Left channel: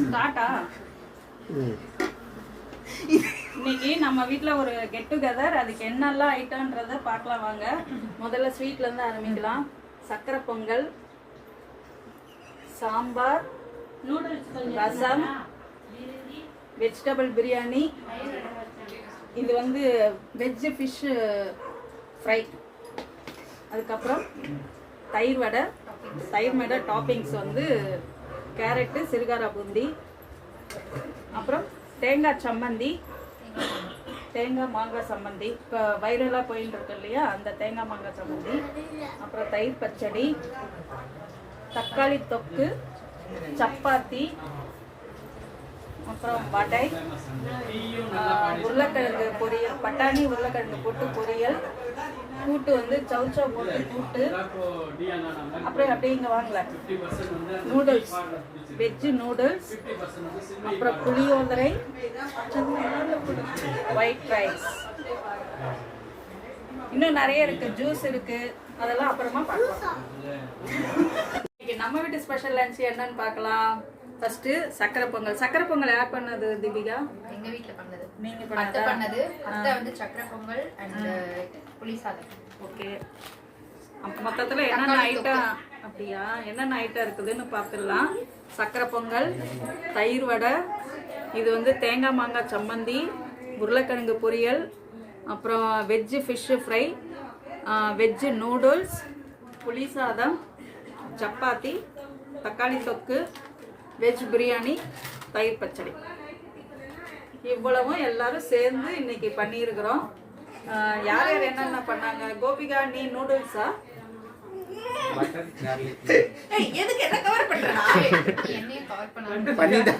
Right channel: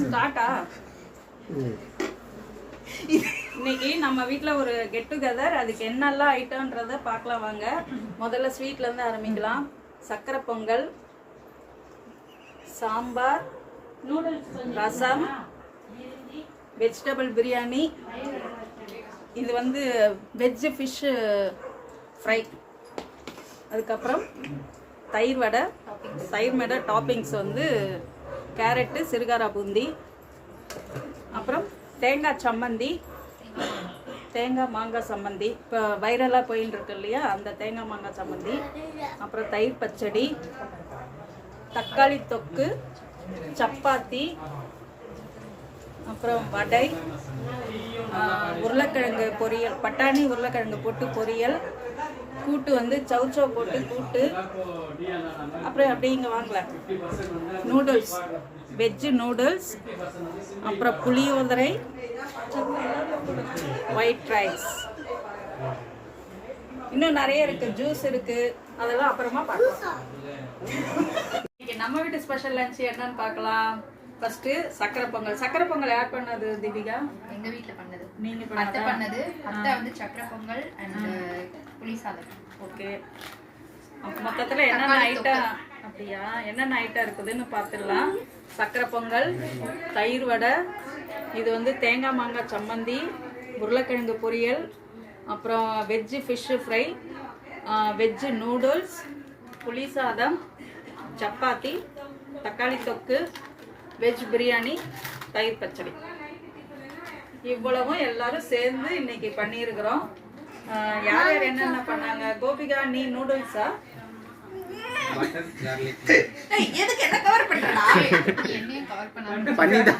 ஸ்டார்ட்டா? இன்னைக்கு நம்ம வீட்டில் ஒரு கெட் டுகெதர். அதுக்கு என்னெல்லாம் ஐட்டம்ன்றதை பார்க்கலாம் வாங்க. முதல்ல ஸ்வீட்லேருந்து ஆரம்பிக்கலாம். சக்கரை பொங்கல், சாம்பார், ரசம், வெஜிடபிள் பிரியாணி, இது வந்து வெஜ்ஜு ஃபிஷ்ஷு ஃப்ரை, அதுக்கப்புறம் தயிர் வடை. தயிர் வடை டாப்பிங்ஸ் வந்து கேரட்டு, சிறுகாரா பூந்தி, அப்புறம் தேங்காய் சம்மந்தி, தேங்காய் மாங்காய் சம்மந்தி, இப்போ வைரலாக போயின்னு இருக்கு இல்லையா, அந்த தேங்காய் மாங்காய் சம்மந்தி, அப்புறம் தயிர் பச்சடி, தக்காளி தொக்கு, சப்பாத்தி, அப்புறம் வடை, உருளைக்கிழங்கு பொரியல், பட்டாணி உருளைக்கிழங்கு போட்டு பொரியல், கூட்டு வந்து சௌச்சோ போட்டு கூட்டு, அப்புறம் அப்படியே இங்கே வாங்கல நூடுல்ஸ், வெஜ்ஜு நூடுல்ஸ், அப்புறம் புளியோதரை, ஒயிட் ரைஸ், இன்னும் நிறைய இருக்கு, ஜூஸ் இருக்கு, அதெல்லாம் அப்புறமா பார்க்கலாம். நம்ம வீட்டு ஸ்பெஷல் லஞ்ச் என்னன்னு பார்க்கலாம். ஃபர்ஸ்ட் சக்கரை பொங்கல். சக்கரை பொங்கல் யார் பண்ணது தீபிகா? எங்க வீட்ல பண்ணது. நீங்க அத்தை பண்ணது. அத்தை வந்து சக்கரை பொங்கல் அண்ட் புளி சாதம். ஓகே. மொத்தத்துல என்னென்ன ஐட்டம் அப்படியா என்னென்ன ஐட்டம் இருக்குதுன்னு பார்த்துடலாம். சக்கரை பொங்கல், தயிர் வடை, இது வந்து தேங்காய் மாங்காய் சம்மந்தி, உருளைக்கிழங்கு பொரியல், அப்புறம் veg fish fry, veg noodles, புளி சாதம், சப்பாத்தி, தக்காளி தொக்கு, வெஜ் பிரியாணி, தயிர் பச்சடி. இவ்வளவும் எல்லாரும் சேர்ந்து இன்னைக்கு பண்ணியிருக்கிறோம். யார் யார் என்னென்ன பண்ணாங்க? கோபிகா, நீ நூடுல்ஸா? எதுக்கு என்ன கவர் பண்றா? என்னையும் கவர் பண்ணாங்க.